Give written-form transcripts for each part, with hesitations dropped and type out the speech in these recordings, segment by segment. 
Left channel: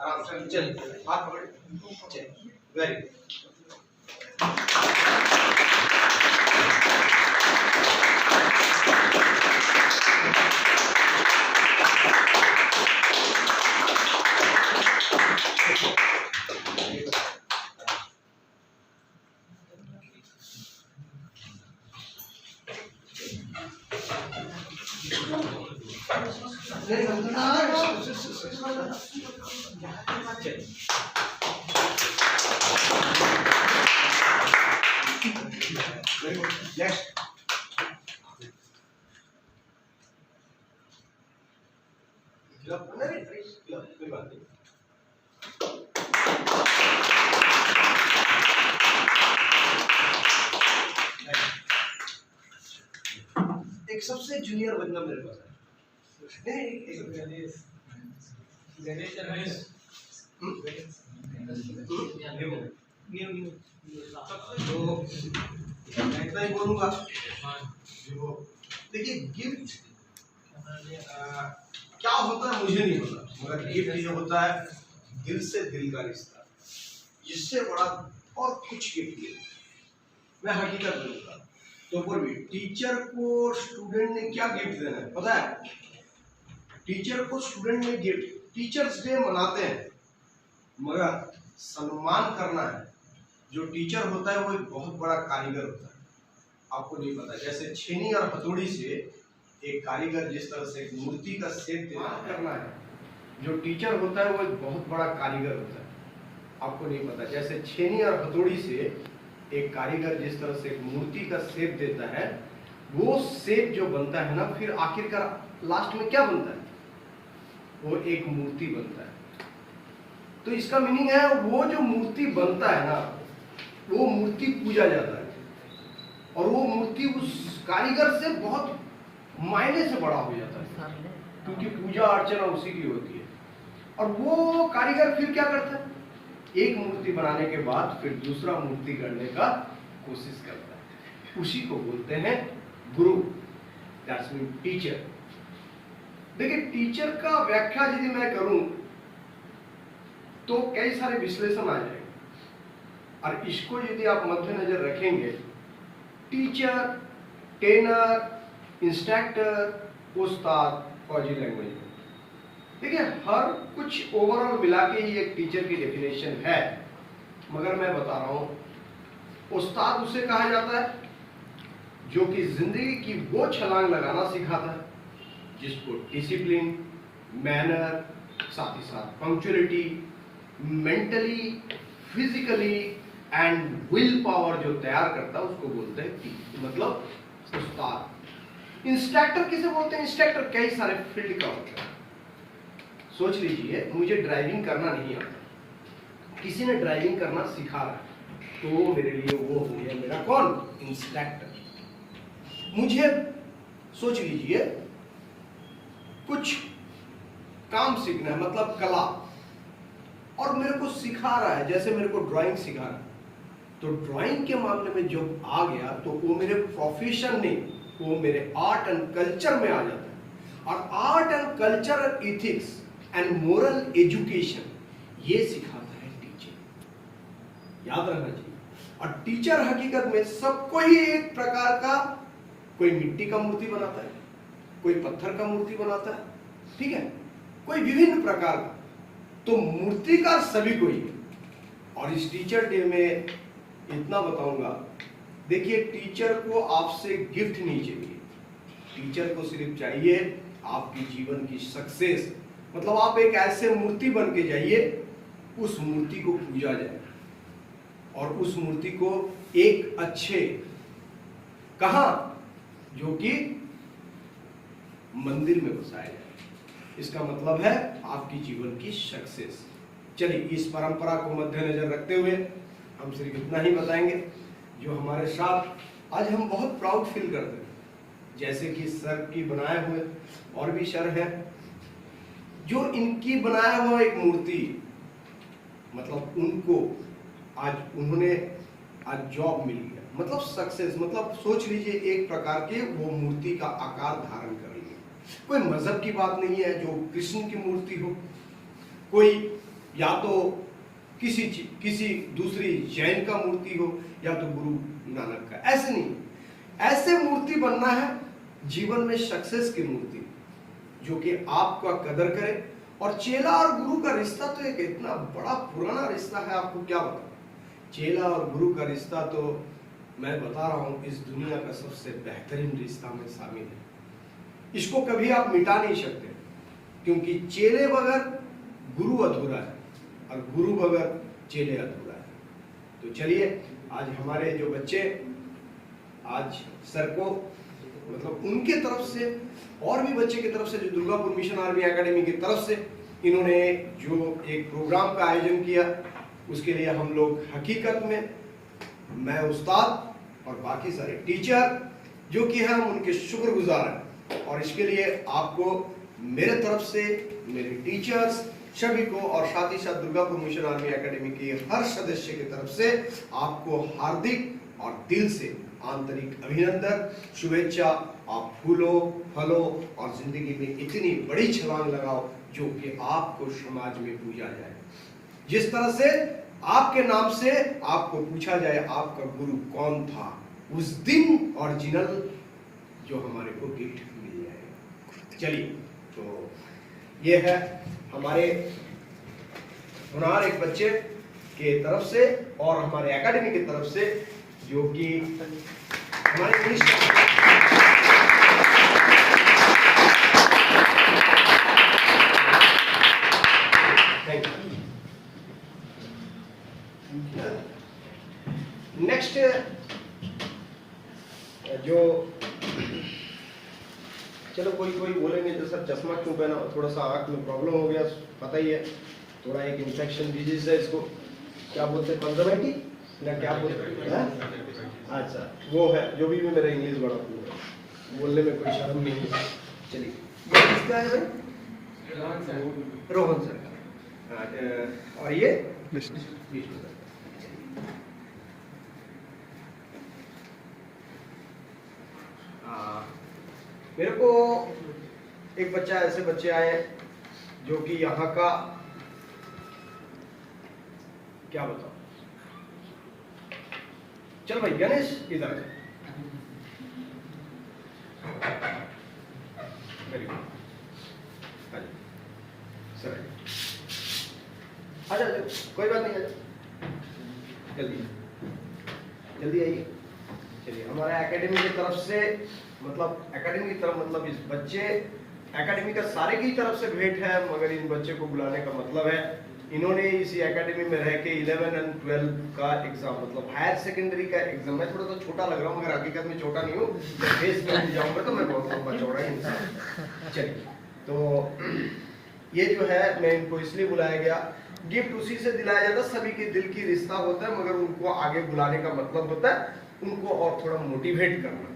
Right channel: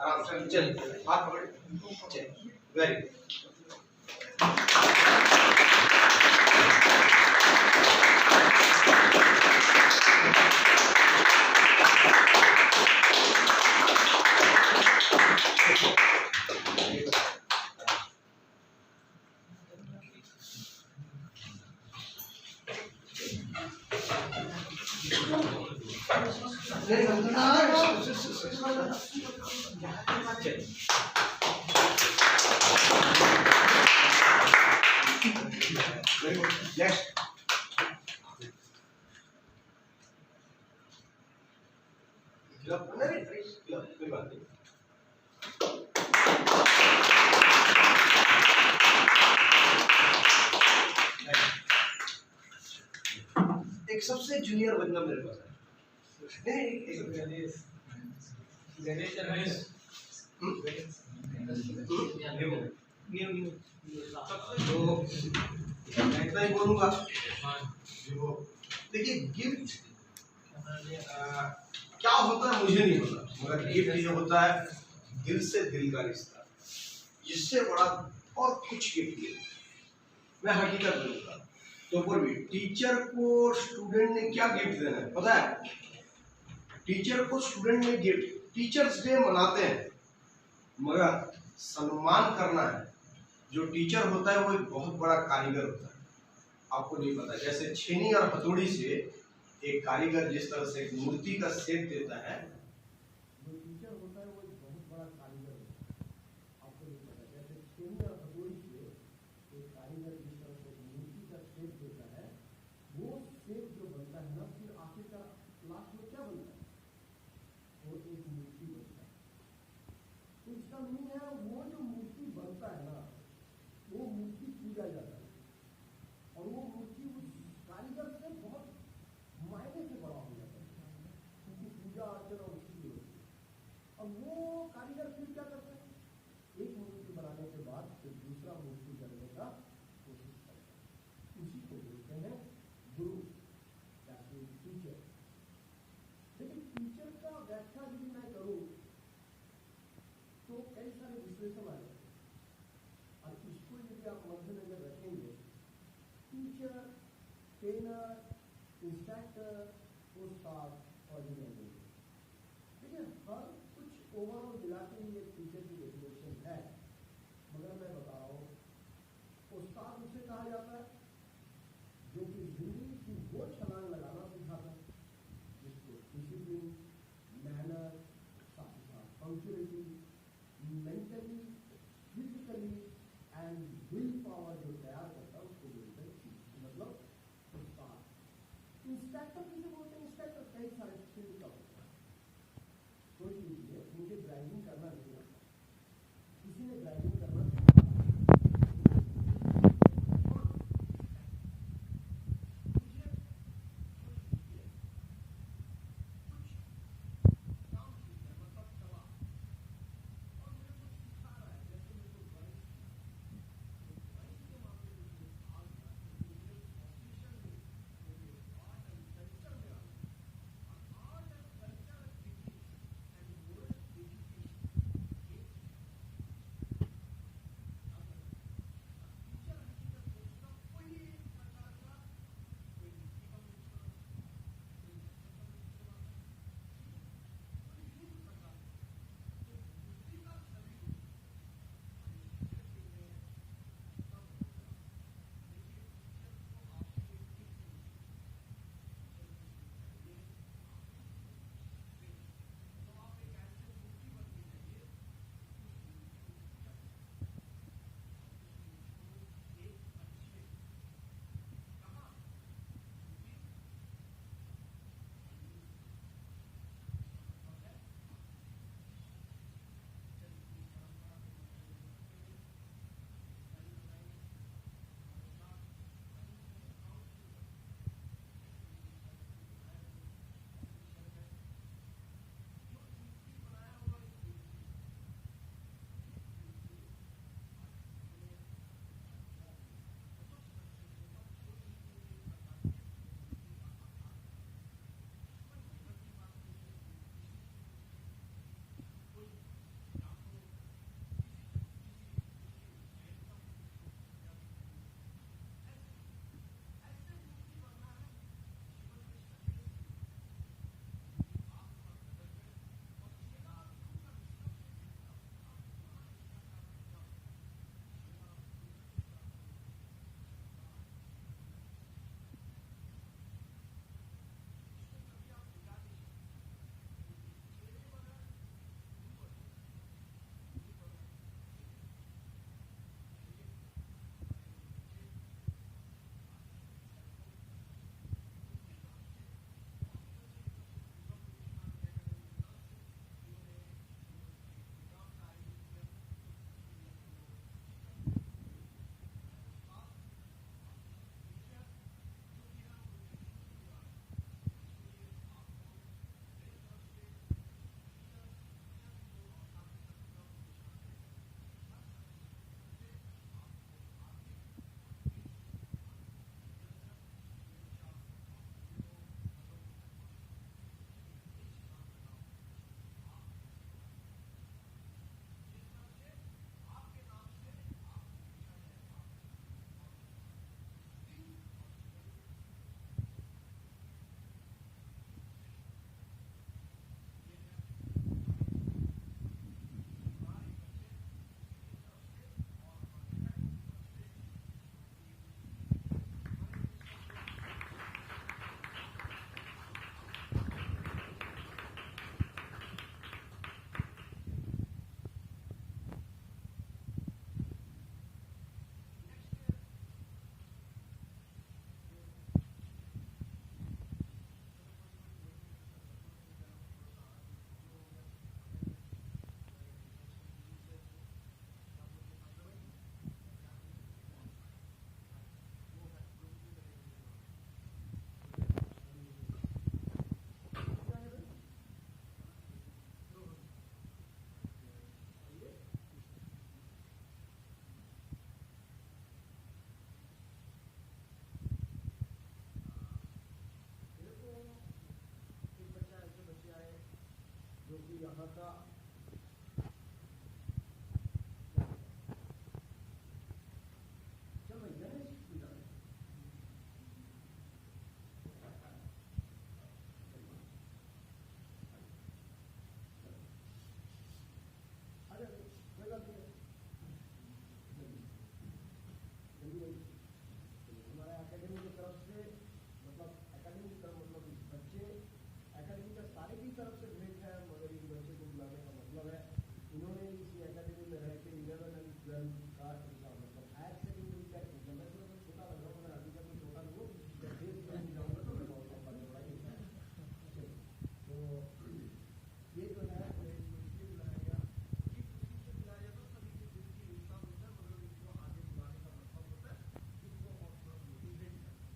आराम से चल, हाथ पकड़, चल, वेरी गुड। एक सबसे जूनियर बंदा मेरे पास है, तो मैं इतना ही बोलूंगा। देखिए गिफ्ट क्या होता है मुझे नहीं पता, मगर गिफ्ट ये होता है दिल से दिल का रिश्ता, जिससे बड़ा और कुछ गिफ्ट नहीं। मैं हकीकत बोलूंगा तो बोलिए, टीचर को स्टूडेंट ने क्या गिफ्ट देना है पता है? टीचर को स्टूडेंट ने गिफ्ट, टीचर्स डे मनाते हैं, मगर सम्मान करना है। जो टीचर होता है वो एक बहुत बड़ा कारीगर होता है, आपको नहीं पता। जैसे छेनी और हथौड़ी से एक कारीगर जिस तरह से एक मूर्ति का शेप देता है, जो टीचर होता है वो एक बहुत बड़ा कारीगर होता है, आपको नहीं पता। जैसे छेनी और हथौड़ी से एक कारीगर जिस तरह से एक मूर्ति का शेप देता है, वो शेप जो बनता है ना, फिर आखिरकार लास्ट में क्या बनता है? वो एक मूर्ति बनता है। तो इसका मीनिंग है वो जो मूर्ति बनता है ना, वो मूर्ति पूजा जाता है, और वो मूर्ति उस कारीगर से बहुत मायने से बड़ा हो जाता है, क्योंकि पूजा अर्चना उसी की होती है। और वो कारीगर फिर क्या करता है? एक मूर्ति बनाने के बाद फिर दूसरा मूर्ति करने का कोशिश करता है, उसी को बोलते हैं गुरु, दैट्स मीन टीचर। देखिए टीचर का व्याख्या यदि मैं करूं तो कई सारे विश्लेषण आ जाएंगे, और इसको यदि आप मद्देनजर रखेंगे, टीचर, ट्रेनर, इंस्ट्रक्टर, उस्ताद, फौजी लैंग्वेज में, देखिए हर कुछ ओवरऑल मिला के ही एक टीचर की डेफिनेशन है। मगर मैं बता रहा हूं, उस्ताद उसे कहा जाता है जो कि जिंदगी की वो छलांग लगाना सिखाता है जिसको डिसिप्लिन, मैनर, साथ ही साथ punctuality, mentally, physically and will power जो तैयार करता है, उसको बोलते हैं मतलब उस्ताद। इंस्ट्रक्टर किसे बोलते हैं? इंस्ट्रक्टर कई सारे फील्ड का होता है। सोच लीजिए, मुझे ड्राइविंग करना नहीं आता, किसी ने ड्राइविंग करना सिखा रहा है, तो मेरे लिए वो हो गया मेरा कौन? इंस्ट्रक्टर। मुझे सोच लीजिए कुछ काम सीखना है, मतलब कला, और मेरे को सिखा रहा है, जैसे मेरे को ड्राइंग सिखा रहा है, तो ड्राइंग के मामले में जब आ गया तो वो मेरे प्रोफेशन नहीं, वो मेरे आर्ट एंड कल्चर में आ जाता है। और art and culture, ethics and moral education, ये सिखाता है टीचर, याद रखना चाहिए। और टीचर हकीकत में सबको ही एक प्रकार का, कोई मिट्टी का मूर्ति बनाता है, कोई पत्थर का मूर्ति बनाता है, ठीक है, कोई विभिन्न प्रकार का, तो मूर्तिकार सभी को ही है। और इस टीचर डे में इतना बताऊंगा, देखिए टीचर को आपसे गिफ्ट नहीं चाहिए, टीचर को सिर्फ चाहिए आपकी जीवन की सक्सेस। मतलब आप एक ऐसे मूर्ति बन के जाइए, उस मूर्ति को पूजा जाए, और उस मूर्ति को एक अच्छे, कहां? जो कि मंदिर में बसाया जाए। इसका मतलब है आपकी जीवन की सक्सेस। चलिए, इस परंपरा को मद्देनजर रखते हुए हम सिर्फ इतना ही बताएंगे, जो हमारे साथ आज हम बहुत प्राउड फील करते हैं, जैसे कि सर की बनाए हुए और भी सर हैं, जो इनकी बनाया हुआ एक मूर्ति, मतलब उनको आज उन्होंने आज जॉब मिल गया, मतलब सक्सेस, मतलब सोच लीजिए एक प्रकार के वो मूर्ति का आकार धारण कर लिया। कोई मजहब की बात नहीं है जो कृष्ण की मूर्ति हो, कोई या तो किसी दूसरी जैन का मूर्ति हो, या तो गुरु नानक का। ऐसे नहीं, ऐसे मूर्ति बनना है जीवन में सक्सेस की मूर्ति, जो कि आपका कदर करे। और चेला और गुरु का रिश्ता तो एक इतना बड़ा पुराना रिश्ता है, आपको क्या बताऊं। चेला और गुरु का रिश्ता तो मैं बता रहा हूं, इस दुनिया का सबसे बेहतरीन रिश्ता में शामिल है। इसको कभी आप मिटा नहीं सकते, क्योंकि चेले बगैर गुरु अधूरा है और गुरु बगैर चेले अधूरा है। तो चलिए, आज हमारे जो बच्चे, आज सर को मतलब उनके तरफ से और भी बच्चे की तरफ से, जो दुर्गापुर मिशन आर्मी एकेडमी की तरफ से इन्होंने जो एक प्रोग्राम का आयोजन किया, उसके लिए हम लोग हकीकत में, मैं उस्ताद और बाकी सारे टीचर जो कि हम उनके शुक्रगुजार हैं। और इसके लिए आपको मेरे तरफ से, मेरे टीचर्स सभी को, और साथ ही साथ दुर्गापुर मिशन आर्मी एकेडमी के हर सदस्य की तरफ से आपको हार्दिक और दिल से आंतरिक अभिनंदन, शुभेच्छा। आप फूलो, फलो और जिंदगी में इतनी बड़ी छलांग लगाओ जो कि आपको समाज में पूजा जाए। जिस तरह से आपके नाम से आपको पूछा जाए आपका गुरु कौन था, उस दिन ओरिजिनल जो हमारे को गिफ्ट मिल जाएगा। चलिए, तो ये है हमारे हुनर एक बच्चे के तरफ से और हमारे एकेडमी की तरफ से, जो कि हमारे नेक्स्ट जो, चलो कोई बोलेंगे तो सर चश्मा क्यों पहना, थोड़ा सा आंख में प्रॉब्लम हो गया, पता ही है, थोड़ा एक इन्फेक्शन डिजीज है, इसको क्या बोलते हैं, कंजर्वेटिव या क्या बोलते हैं। अच्छा, वो है, जो भी मेरा इंग्लिश बड़ा बोलने में कोई शर्म नहीं है। चलिए, ये किसका है भाई? रोहन सर। और ये मेरे को एक बच्चा, ऐसे बच्चे आए जो कि यहाँ का, क्या बताओ, चल भाई गणेश इधर है। सर आजा, कोई बात नहीं, जल्दी जल्दी आइए। चलिए, हमारे एकेडमी की तरफ से, मतलब एकेडमी की तरफ, मतलब इस बच्चे एकेडमी का सारे की तरफ से भेंट है, मगर इन बच्चे को बुलाने का मतलब है, इन्होंने इसी एकेडमी में रह के 11 और 12 का एग्जाम, मतलब हायर सेकेंडरी का एग्जाम, मैं थोड़ा सा छोटा लग रहा हूँ मगर हकीकत में छोटा नहीं हूँ, फेस में जाऊंगा तो मैं बहुत लंबा चौड़ा ही इंसान। चलिए, तो ये जो है, मैं इनको इसलिए बुलाया गया, गिफ्ट उसी से दिलाया जाता है, सभी के दिल की रिश्ता होता है, मगर उनको आगे बुलाने का मतलब होता है उनको और थोड़ा मोटिवेट करना।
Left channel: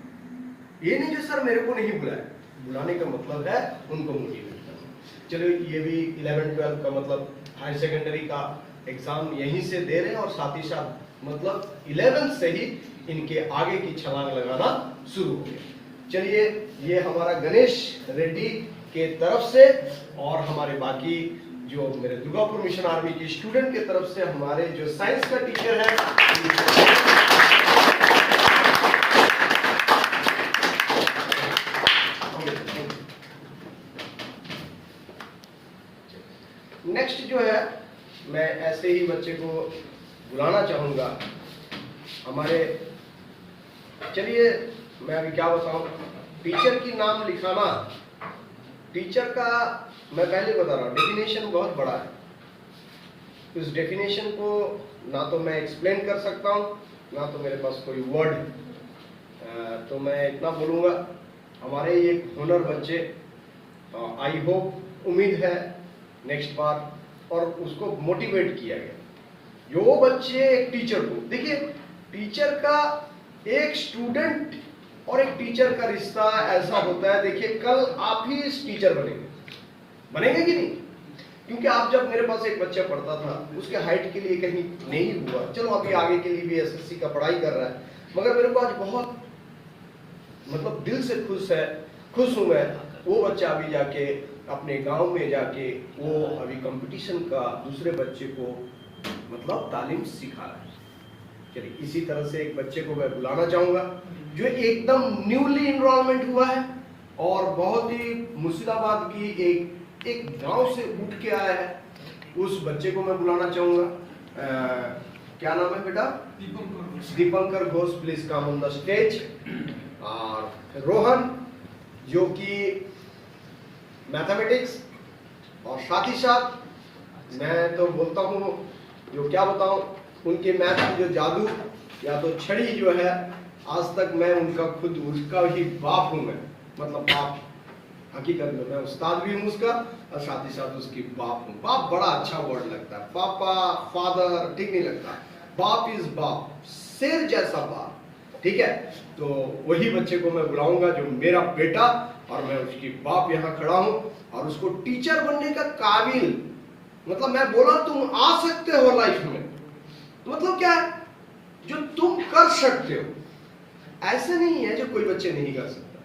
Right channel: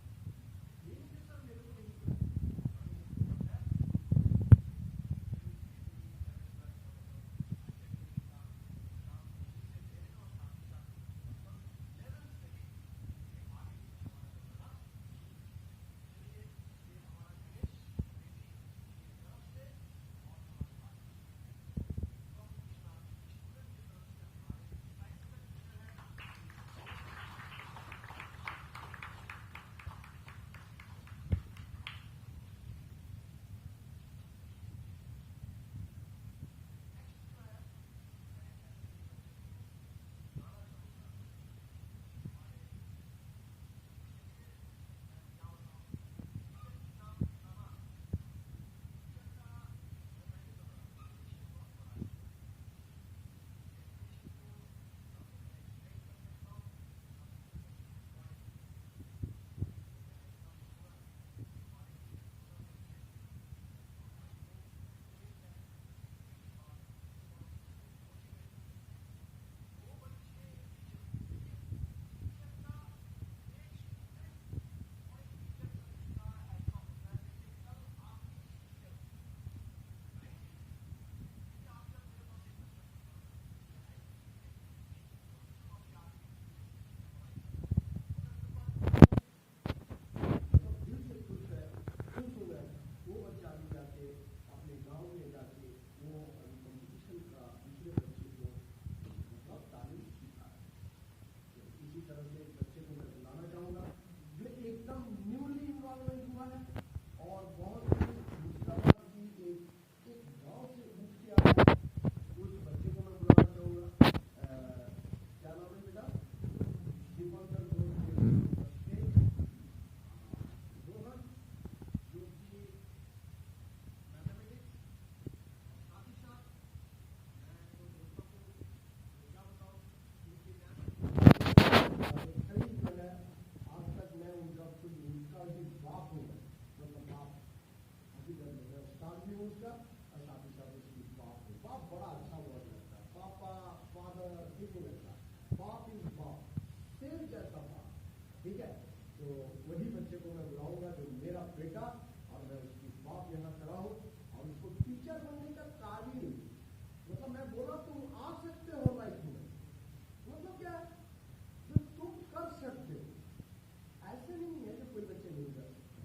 ये नहीं जो सर मेरे को नहीं बुलाया, बुलाने का मतलब है उनको मोटिवेट करना। चलो, ये भी 11-12 का मतलब हायर सेकेंडरी का एग्जाम यहीं से दे रहे हैं, और साथ ही साथ मतलब 11th से ही इनके आगे की छलांग लगाना शुरू हो गया। चलिए, ये हमारा गणेश रेड्डी के तरफ से, और हमारे बाकी जो मेरे दुर्गापुर मिशन आर्मी की स्टूडेंट के तरफ से, हमारे जो साइंस का टीचर है, नेक्स्ट जो है, मैं ऐसे ही बच्चे को बुलाना चाहूंगा हमारे। चलिए, मैं अभी क्या बताऊं, टीचर की नाम लिखाना, टीचर का मैं पहले बता रहा हूँ, डेफिनेशन बहुत बड़ा है। उस डेफिनेशन को ना तो मैं एक्सप्लेन कर सकता हूँ, ना तो मेरे पास कोई वर्ड है। तो मैं इतना बोलूँगा, हमारे ये हुनर बच्चे, आई होप, उम्मीद है नेक्स्ट बार, और उसको मोटिवेट किया गया। जो बच्चे एक टीचर को, देखिए टीचर का, एक स्टूडेंट और एक टीचर का रिश्ता ऐसा होता है, देखिए कल आप ही इस टीचर बनेंगे कि नहीं? क्योंकि आप, जब मेरे पास एक बच्चा पढ़ता था, उसके हाइट के लिए कहीं नहीं हुआ, चलो अभी आगे के लिए भी एसएससी का पढ़ाई कर रहा है, मगर मेरे को आज बहुत मतलब दिल से खुश हूँ मैं, वो बच्चा अभी जाके अपने गांव में जाके वो अभी कंपटीशन का दूसरे बच्चे को मतलब तालीम सिखा रहा है। चलिए इसी तरह से एक बच्चे को मैं बुलाना चाहूँगा जो एकदम न्यूली इनरोलमेंट हुआ है और बहुत ही मुर्शिदाबाद की एक गांव से उठ के आया है। उस बच्चे को मैं बुलाना चाहूँगा। क्या नाम है बेटा? Dipankar Ghosh, please come on the stage. और रोहन जो कि मैथमेटिक्स और साथ ही साथ मैं तो बोलता हूँ जो क्या बताऊँ, उनके मैथ की जो जादू या तो छड़ी जो है, आज तक मैं उनका खुद उसका ही बाप हूँ। मैं मतलब बाप हकीकत में मैं उस्ताद भी हूँ उसका और साथ ही साथ उसकी बाप हूँ। बाप बड़ा अच्छा वर्ड लगता है, पापा फादर ठीक नहीं लगता। बाप इज बाप, शेर जैसा बाप, ठीक है। तो वही बच्चे को मैं बुलाऊंगा जो मेरा बेटा और मैं उसकी बाप यहाँ खड़ा हूँ और उसको टीचर बनने का काबिल, मतलब मैं बोला तुम आ सकते हो लाइफ में, मतलब क्या है जो तुम कर सकते हो, ऐसे नहीं है जो कोई बच्चे नहीं कर सकता।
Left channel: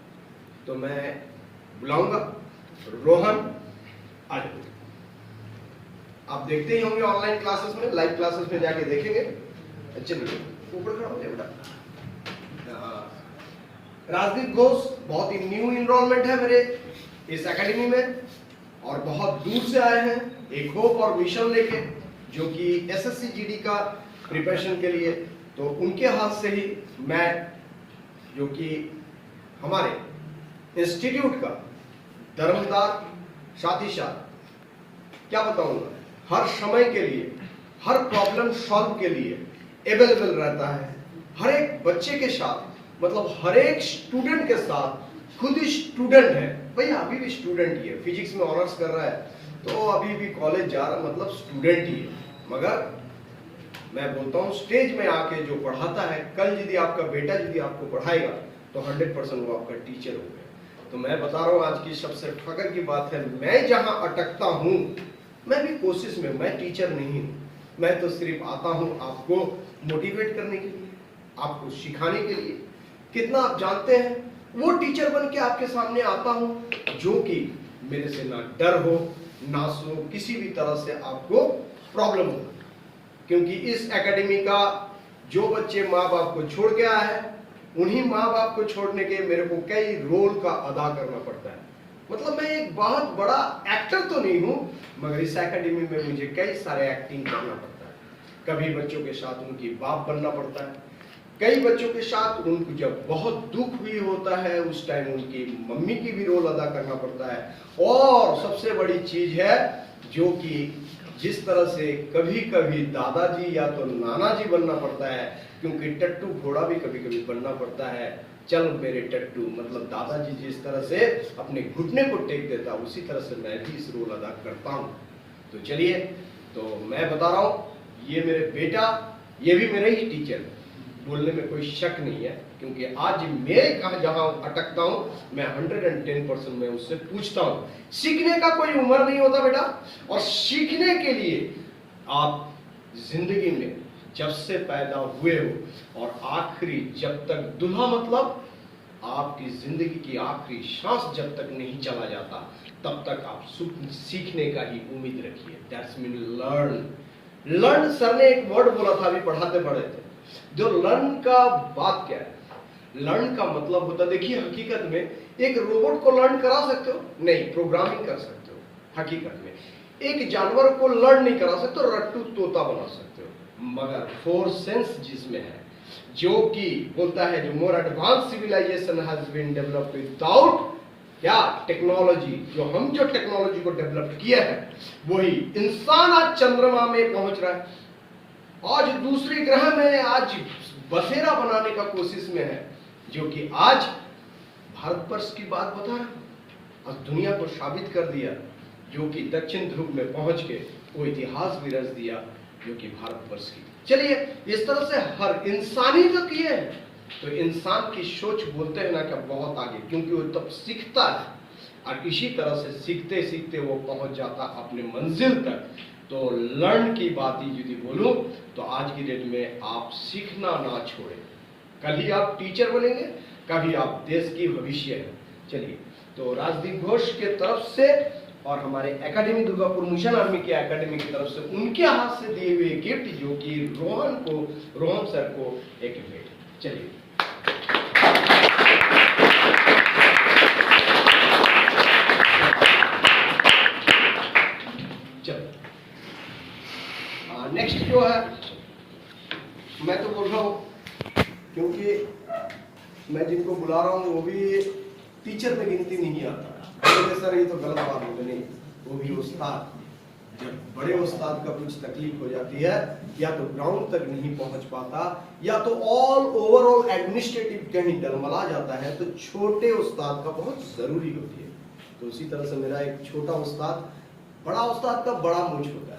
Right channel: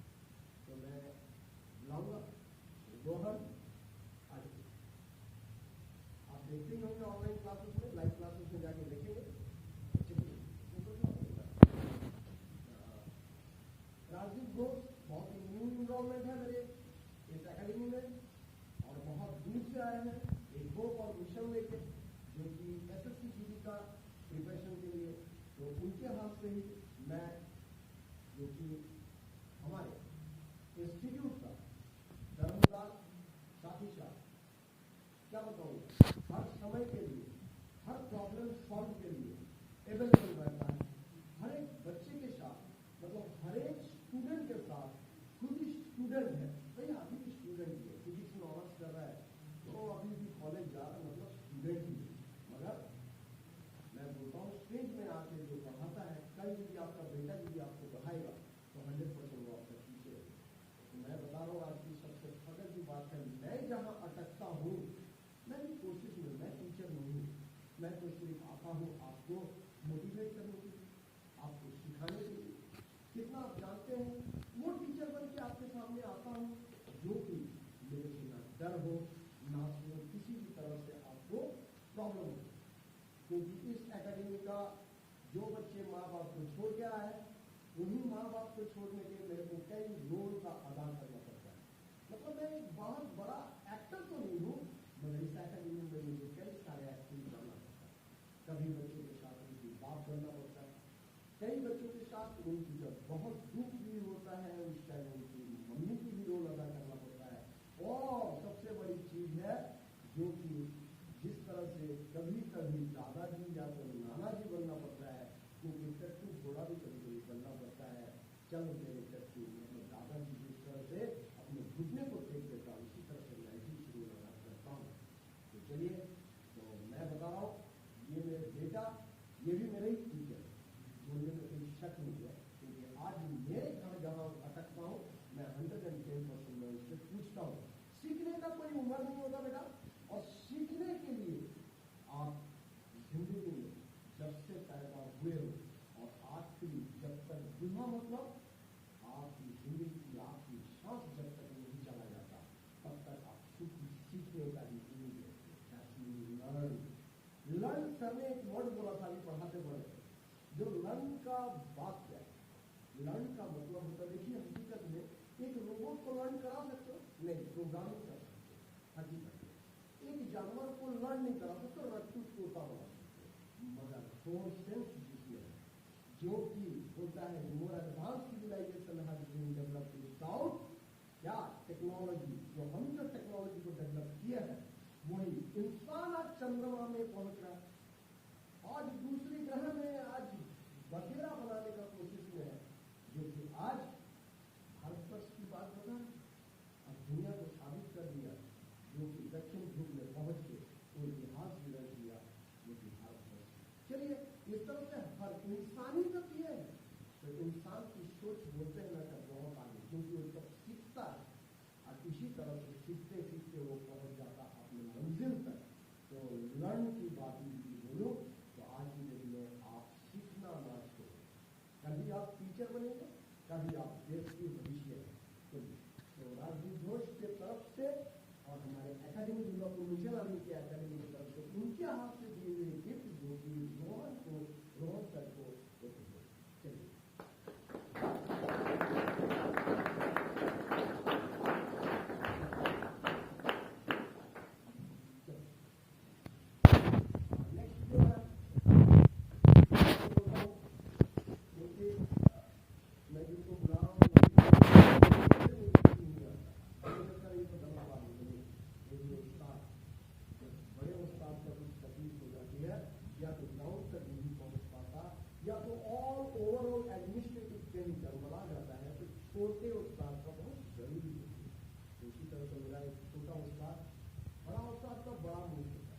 तो मैं बुलाऊंगा रोहन। आज आप देखते ही होंगे ऑनलाइन क्लासेस में, लाइव क्लासेस में जाके देखेंगे। चलिए ऊपर खड़ा हो जाए बेटा। राजदीप घोष बहुत ही न्यू इनरोलमेंट है मेरे इस एकेडमी में और बहुत दूर से आए हैं एक होप और मिशन लेके, जो कि एसएससी जीडी का प्रिपरेशन के लिए। तो उनके हाथ से ही मैं जो कि हमारे इंस्टीट्यूट का धर्मदार साथ ही साथ क्या बताऊंगा, हर समय के लिए हर प्रॉब्लम सॉल्व के लिए अवेलेबल रहता है। हर एक बच्चे के साथ, मतलब हर एक स्टूडेंट के साथ, खुद ही स्टूडेंट है भैया, अभी भी स्टूडेंट ही है, फिजिक्स में ऑनर्स कर रहा है तो अभी भी कॉलेज जा रहा, मतलब स्टूडेंट ही है। मगर मैं बोलता हूँ स्टेज में आके जो पढ़ाता है, कल यदि आपका बेटा यदि आपको पढ़ाएगा तो 100% वो आपका टीचर हो गया। तो मैं बता रहा हूँ आज की सबसे फख्र की बात है, मैं जहाँ अटकता हूँ मैं भी कोशिश में, मैं टीचर नहीं हूँ, मैं तो सिर्फ आता हूँ आपको मोटिवेट करने के लिए, आपको सिखाने के लिए। कितना आप जानते हैं, वो टीचर बन के आपके सामने आता हूँ जो कि मेरे से ना डर हो ना सो किसी भी तरह से आपको प्रॉब्लम हो। क्योंकि इस एकेडमी का जो बच्चे माँ बाप को छोड़ के आया है, उन्हीं माँ बाप को छोड़ने के मेरे को कई रोल का अदा करना पड़ता है। मतलब मैं एक बहुत बड़ा एक्टर तो नहीं हूँ, मगर इस एकेडमी में मुझे कई सारे एक्टिंग करना पड़ता है। कभी बच्चों के साथ उनकी बाप बनना पड़ता है, कई बच्चों के साथ उनको जब बहुत दुख भी होता है उस टाइम उनकी मम्मी की भी रोल अदा करना पड़ता है। और सबसे बड़ी चीज है जो कि जिस तरह से कभी कभी दादाजी या तो नाना जी बनना पड़ता है, क्योंकि टट्टू घोड़ा भी कभी कभी बनना पड़ता है। चल मेरे टट्टू, मतलब दादाजी जिस तरह से अपने घुटने को टेक देता, उसी तरह से मैं भी इस रोल अदा करता हूँ। तो चलिए, तो मैं बता रहा हूँ ये मेरे बेटा, ये भी मेरा ही टीचर, बोलने में कोई शक नहीं है। क्योंकि आज मैं कहाँ जहाँ अटकता हूँ, मैं 110% मैं उससे पूछता हूँ। सीखने का कोई उम्र नहीं होता बेटा, और सीखने के लिए आप जिंदगी में जब से पैदा हुए हो और आखिरी जब तक दूल्हा, मतलब आपकी जिंदगी की आखिरी सांस जब तक नहीं चला जाता तब तक आप सीखने का ही उम्मीद रखिए। That's mean learn. Learn sir ने एक वर्ड बोला था अभी पढ़ाते पढ़े थे, जो लर्न का बात क्या है, लर्न का मतलब होता, देखिए हकीकत में एक रोबोट को लर्न करा सकते हो नहीं, प्रोग्रामिंग कर सकते हो। हकीकत में एक जानवर को लर्न नहीं करा सकते हो, रट्टू तोता बना सकते हो। मगर 4 सेंस जिसमें है, जो कि बोलता है जो more advance civilisation has been developed without क्या टेक्नोलॉजी, जो हम जो टेक्नोलॉजी को डेवलप किया है वही इंसान आज चंद्रमा में पहुंच रहा है, आज दूसरे ग्रह में आज बसेरा बनाने का कोशिश में है, जो कि आज भारतवर्ष की बात बता रहा हूं, आज दुनिया को साबित कर दिया, जो कि दक्षिण ध्रुव में पहुंच के वो इतिहास भी रच दिया जो कि भारतवर्ष की। चलिए, इस तरह से हर इंसान ही तो किए हैं। तो इंसान की सोच बोलते हैं ना कि बहुत आगे, क्योंकि वो तब सीखता है और इसी तरह से सीखते सीखते वो पहुंच जाता अपने मंजिल तक। तो लर्न की बात ही यदि बोलूं तो आज की डेट में आप सीखना ना छोड़ें। कल ही आप टीचर बनेंगे, कभी आप देश की भविष्य है। चलिए, तो राजदीप घोष के तरफ से और हमारे एकेडमी दुर्गापुर मिशन आर्मी के एकेडमी की तरफ से उनके हाथ से दिए हुए गिफ्ट, जो कि रोहन सर को एक गिफ्ट। चलिए नेक्स्ट जो है, मैं तो बोल रहा हूँ क्योंकि मैं जिनको बुला रहा हूँ वो भी टीचर में गिनती नहीं आता। सर ये तो गलत बात हो गई, वो भी उस्ताद। जब बड़े उस्ताद का कुछ तकलीफ हो जाती है, या तो ग्राउंड तक नहीं पहुंच पाता, या तो ऑल ओवरऑल एडमिनिस्ट्रेटिव कहीं डलमला जाता है, तो छोटे उस्ताद का बहुत जरूरी होती है। तो उसी तरह से मेरा एक छोटा उस्ताद, बड़ा उस्ताद का बड़ा मूंछ होता है,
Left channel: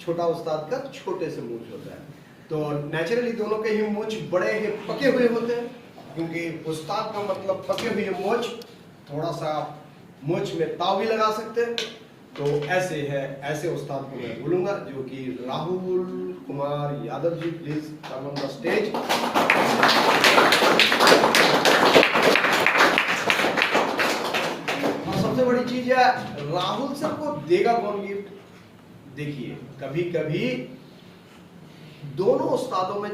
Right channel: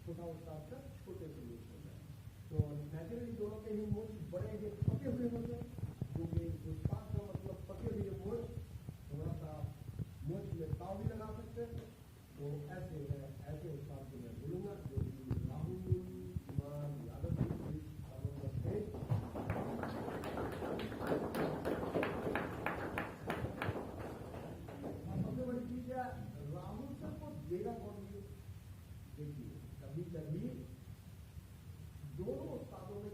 छोटा उस्ताद का छोटे से मूंछ होता है। तो नेचुरली दोनों के ही मूंछ बड़े ही पके हुए होते हैं, क्योंकि उस्ताद का मतलब पके हुए मूंछ, थोड़ा सा मूंछ में ताव भी लगा सकते हैं। तो ऐसे है, ऐसे उस्ताद को मैं बोलूंगा, जो कि Rahul Kumar Yadav ji, please come on the stage. और सबसे बड़ी चीज है, राहुल सर को देगा कौन गिफ्ट? देखिए, कभी कभी दोनों उस्तादों में,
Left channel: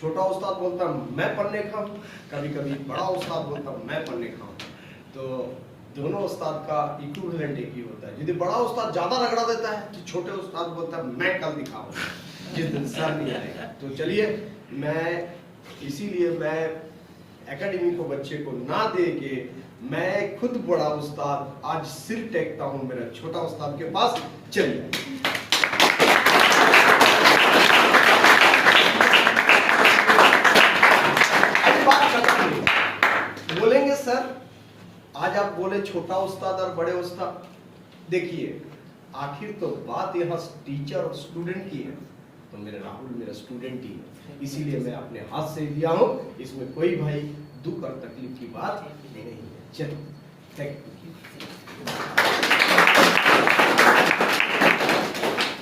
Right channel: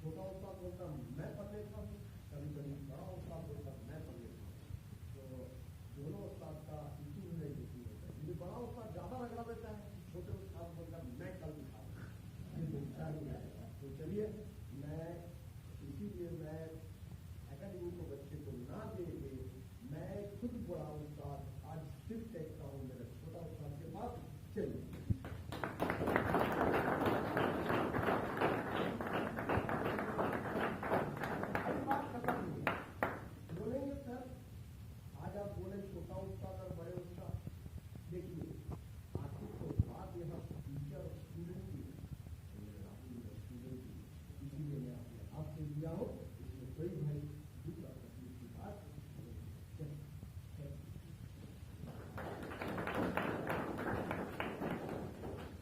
छोटा उस्ताद बोलता मैं पढ़ने खाऊं, कभी कभी बड़ा उस्ताद बोलता मैं पढ़ने खाऊं। तो दोनों उस्ताद का इक्विवेलेंट एक ही होता है। यदि बड़ा उस्ताद ज्यादा रगड़ा देता है, तो छोटे उस्ताद बोलता है मैं कल दिखाऊंगा, जिस दिन सर नहीं आएगा। तो चलिए, इसीलिए मैं एकेडमी को बच्चे को ना दे के, मैं खुद बड़ा उस्ताद आज सिर टेकता हूं मेरा छोटा उस्ताद के पास। चलिए बोलेंगे सर, आज आप बोले छोटा उस्ताद और बड़े उस्ताद। देखिए, आखिर तो बात यहाँ टीचर और स्टूडेंट की है, तो मेरा राहुल मेरा स्टूडेंट ही है, इसीलिए मैं अपने हाथ से दिया हूँ। इसमें कोई भाई दुख और तकलीफ की बात नहीं है। चलो, थैंक यू।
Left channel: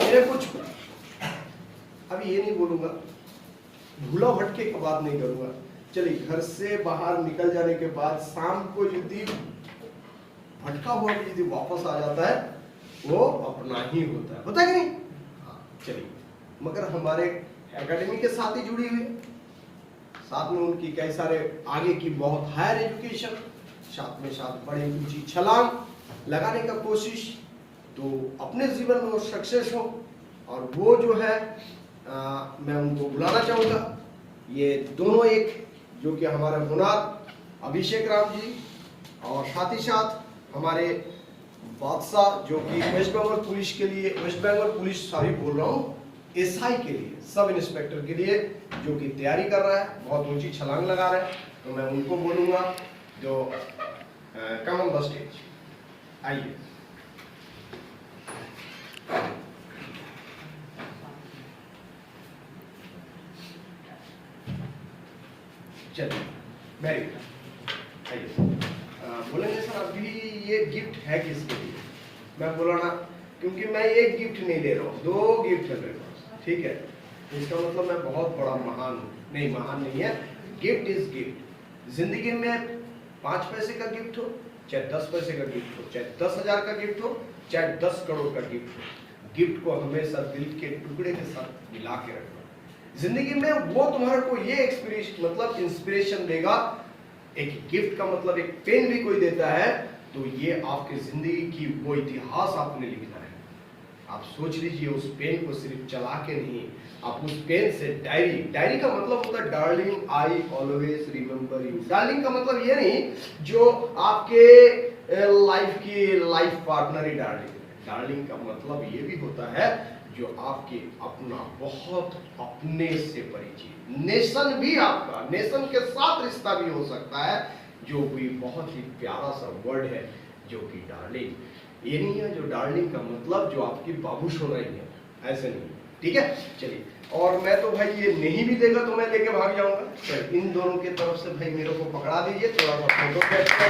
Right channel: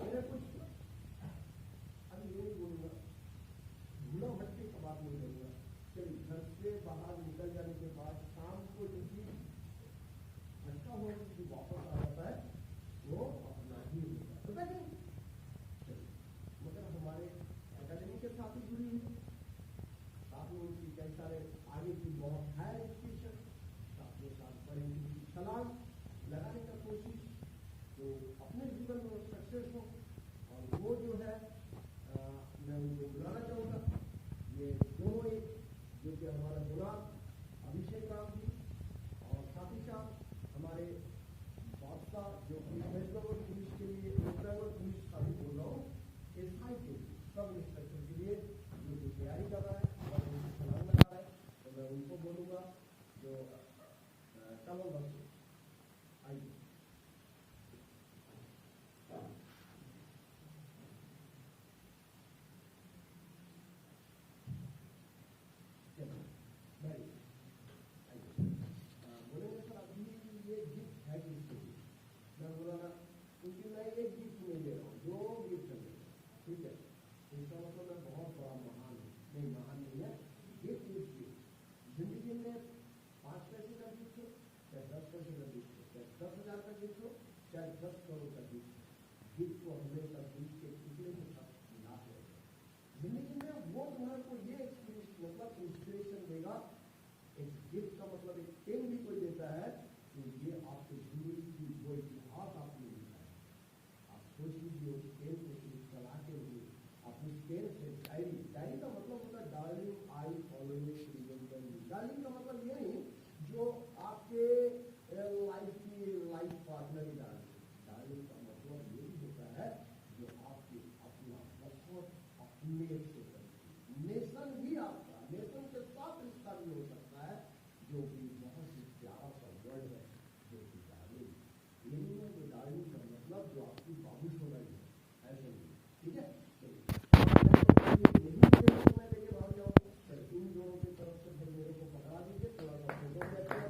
मेरे कुछ अभी ये नहीं बोलूंगा, भूला भटके की बात नहीं करूंगा। चलिए, घर से बाहर निकल जाने के बाद शाम को यदि भटका हुआ यदि वापस आ जाता है, वो अपना ही होता है कि नहीं? चलिए, मगर हमारे एकेडमी के साथ ही जुड़ी हुई, साथ में उनकी कई सारे आगे की बहुत हायर एजुकेशन, साथ में साथ बड़ी ऊंची छलांग लगाने का कोशिश, तो अपने जीवन में वो सक्सेस हो। और वो जो है मैं उनको बुलाना चाहूँगा, ये दोनों, एक जो कि हमारे हुनर अभिषेक राम जी, और साथ ही साथ हमारे बादशाह, जो कि वेस्ट बंगाल पुलिस के लिए, वेस्ट बंगाल पुलिस सॉरी बोल रहा हूँ, एसआई के लिए, सब इंस्पेक्टर के लिए, जो कि तैयारी कर रहा है, बहुत ऊंची छलांग लगा रहा है। तो मैं उनको बोलूँगा, जो कम ऑन द स्टेज, आइए। चलिए, वेरी गुड, आइए। बोलेंगे सर अभी ये गिफ्ट है किसके लिए? मैं बोला ना, क्योंकि मैं एक गिफ्ट नहीं ले रहा हूँ, 2 गिफ्ट है मेरे पास, ठीक है? इसका मतलब मैं बहुत बड़ा महान हूँ? नहीं, महान नहीं है। Gift is gift. जिंदगी में 5 पैसे का गिफ्ट हो, चाहे 10 पैसे का गिफ्ट हो, चाहे 10,000 का गिफ्ट हो, चाहे 10 करोड़ का गिफ्ट हो, गिफ्ट को हमेशा दिल के टुकड़े के साथ मिला के रखना। जिंदगी में वो तुम्हारे को ये एक्सपीरियंस मतलब इंस्पिरेशन देगा। एक गिफ्ट का मतलब एक पेन भी कोई देता है, तो ये आपकी जिंदगी की वो इतिहास आपने लिखना है। आप सोच लीजिए, उस पेन को सिर्फ चला के नहीं, आप उस पेन से डायरी का मतलब होता है darling I always remember you. Darling का मतलब ये नहीं जो आपके लाइफ की लाइफ पार्टनर ही डार्लिंग का मतलब ये भी होता है जो आपके अपना, बहुत अपने से परिचित, नेशन भी आपका, नेशन के साथ रिश्ता भी हो सकता है, जो भी बहुत ही प्यारा सा वर्ड है, जो कि डार्लिंग। ये नहीं है जो डार्लिंग का मतलब जो आपकी बाबूश होना ही है, ऐसे नहीं, ठीक है? चलिए, और मैं तो भाई ये नहीं भी देगा तो मैं लेके भाग जाऊंगा। चलिए, इन दोनों की तरफ से भाई मेरे को पकड़ा दीजिए, थोड़ा सा फोटो कैप्चर।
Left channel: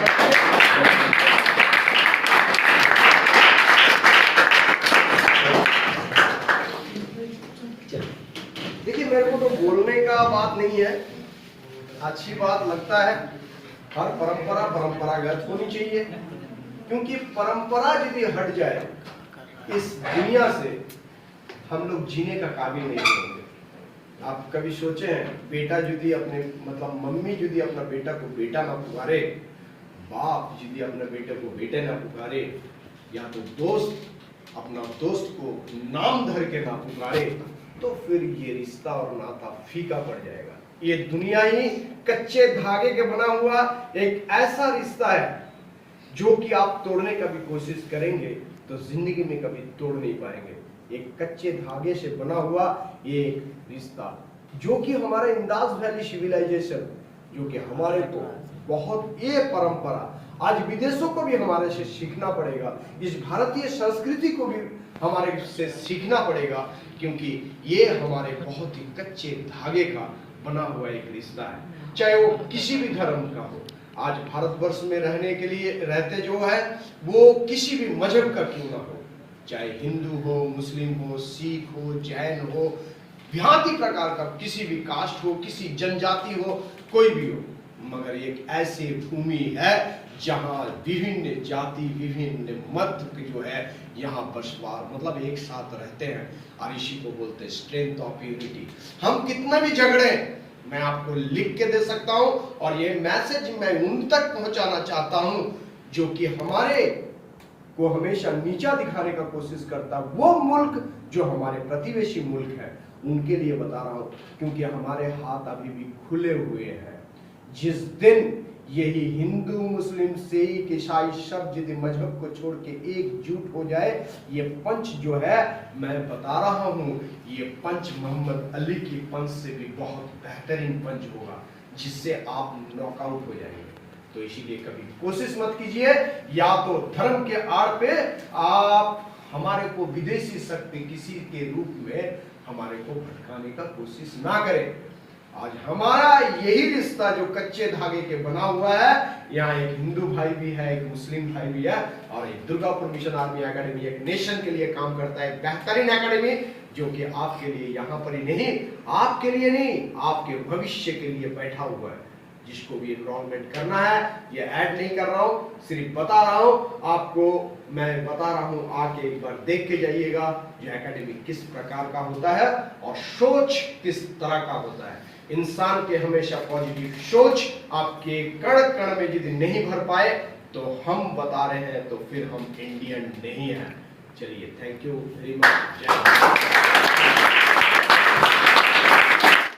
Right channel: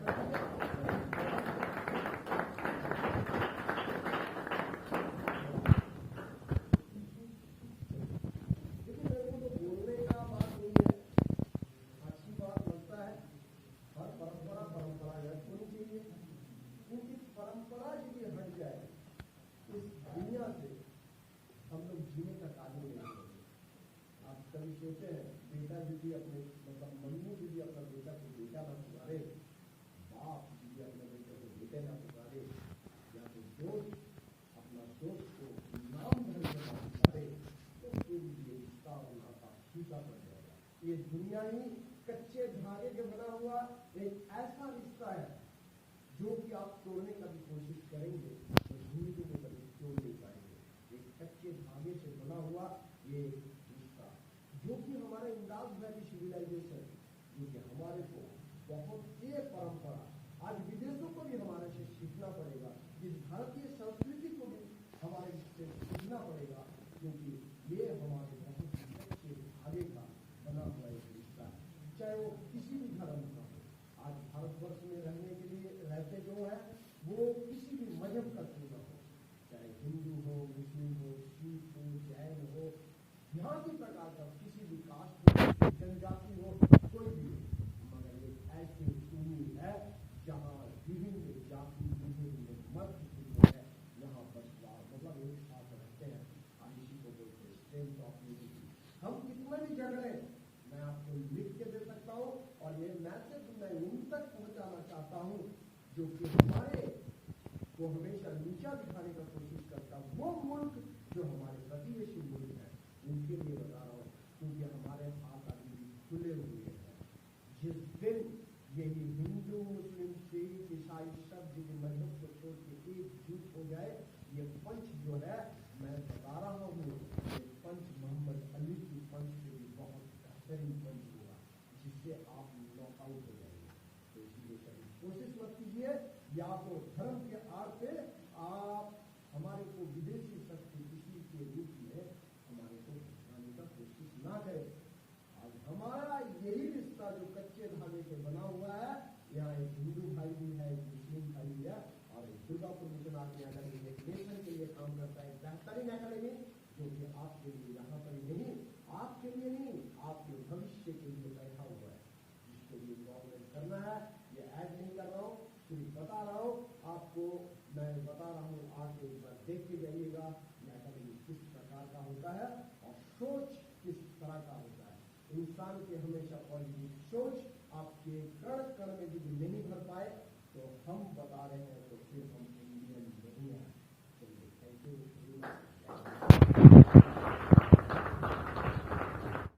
देखिए, मेरे को तो बोलने का बात नहीं है, अच्छी बात लगता है, हर परंपरा परंपरागत होनी चाहिए। क्योंकि परंपरा यदि हट जाए इस दुनिया से, हम लोग जीने का काबिल नहीं होंगे। आप कभी सोचे हैं, बेटा यदि अपने मतलब मम्मी यदि अपना बेटा को बेटा ना पुकारे, बाप यदि अपने बेटे को बेटे ना पुकारे, या तो दोस्त अपना दोस्त को नाम धर के ना पुकारे, तो फिर ये रिश्ता और नाता फीका पड़ जाएगा। ये दुनिया ही कच्चे धागे के बना हुआ एक ऐसा रिश्ता है जो कि आप तोड़ने का भी कोशिश करेंगे तो जिंदगी में कभी तोड़ नहीं पाएंगे। एक कच्चे धागे से बना हुआ ये रिश्ता जो कि हमारे इंडास वैली सिविलाइजेशन, जो कि हमारे को बहुत ये परंपरा आज विदेशों को भी हमारे से सीखना पड़ेगा, इस भारतीय संस्कृति को भी हमारे से सीखना पड़ेगा, क्योंकि ये हमारे बहुत ही कच्चे धागे का बना हुआ एक रिश्ता है, चाहे वो किसी भी धर्म का हो। आज भारतवर्ष में रहने के लिए रहते जो है वो किसी भी मजहब का क्यों ना हो, चाहे हिंदू हो, मुस्लिम हो, सिख हो, जैन हो, भांति प्रकार का किसी भी कास्ट हो, किसी जनजाति हो, कोई भी हो, मगर एक ऐसी भूमि है जहाँ विभिन्न जाति विभिन्न मत जो है यहाँ बसवार मतलब एक साथ रहते हैं, और इसी को बोलते हैं स्ट्रेंथ ऑफ यूनिटी। हम कितना भी झगड़े मैं आपको लिख के दे सकता हूं, और ये मैसेज मैं उन तक पहुंचाना चाहता हूं जो कि हमारे को हमेशा नीचा दिखाने का कोशिश करता, वो मुल्क जो हमारे प्रतिवेशी मुल्क है उनके लिए बता रहा हूं, क्योंकि हमारे हाथ अभी भी खुले हुए हैं। जिस दिन यही हिंदू मुस्लिम सिख ईसाई सब यदि मजहब को छोड़ के एकजुट हो जाए, ये पंच जो है मैं बता रहा हूँ, ये पंच मोहम्मद अली की पंच से भी बहुत बेहतरीन पंच होगा, जिससे आप नॉकआउट हो जाएंगे। तो इसीलिए कभी कोशिश मत कीजिए या तो धर्म के आड़ पे आप हमारे को विदेशी शक्ति किसी के रूप में हमारे को भटकाने का कोशिश ना करें। आज हमारा यही रिश्ता जो कच्चे धागे के बना हुआ है, यहाँ एक हिंदू भाई भी है, एक मुस्लिम भाई भी है, और एक दुर्गापुर मिशन आर्मी एकेडमी एक नेशन के लिए काम करता है, बेहतरीन एकेडमी जो कि आपके लिए यहाँ पर ही नहीं, आपके लिए नहीं, आपके भविष्य के लिए बैठा हुआ है। जिसको भी एनरोलमेंट करना है, ये ऐड नहीं कर रहा हूँ, सिर्फ बता रहा हूँ आपको, मैं बता रहा हूँ, आके एक बार देख के जाइएगा ये एकेडमी किस प्रकार का होता है और सोच किस तरह का होता है। इंसान के हमेशा पॉजिटिव सोच आपके कण कण में यदि नहीं भर पाए तो हम बता रहे हैं तो फिर हम इंडियन नहीं हैं। चलिए, थैंक यू वेरी मच।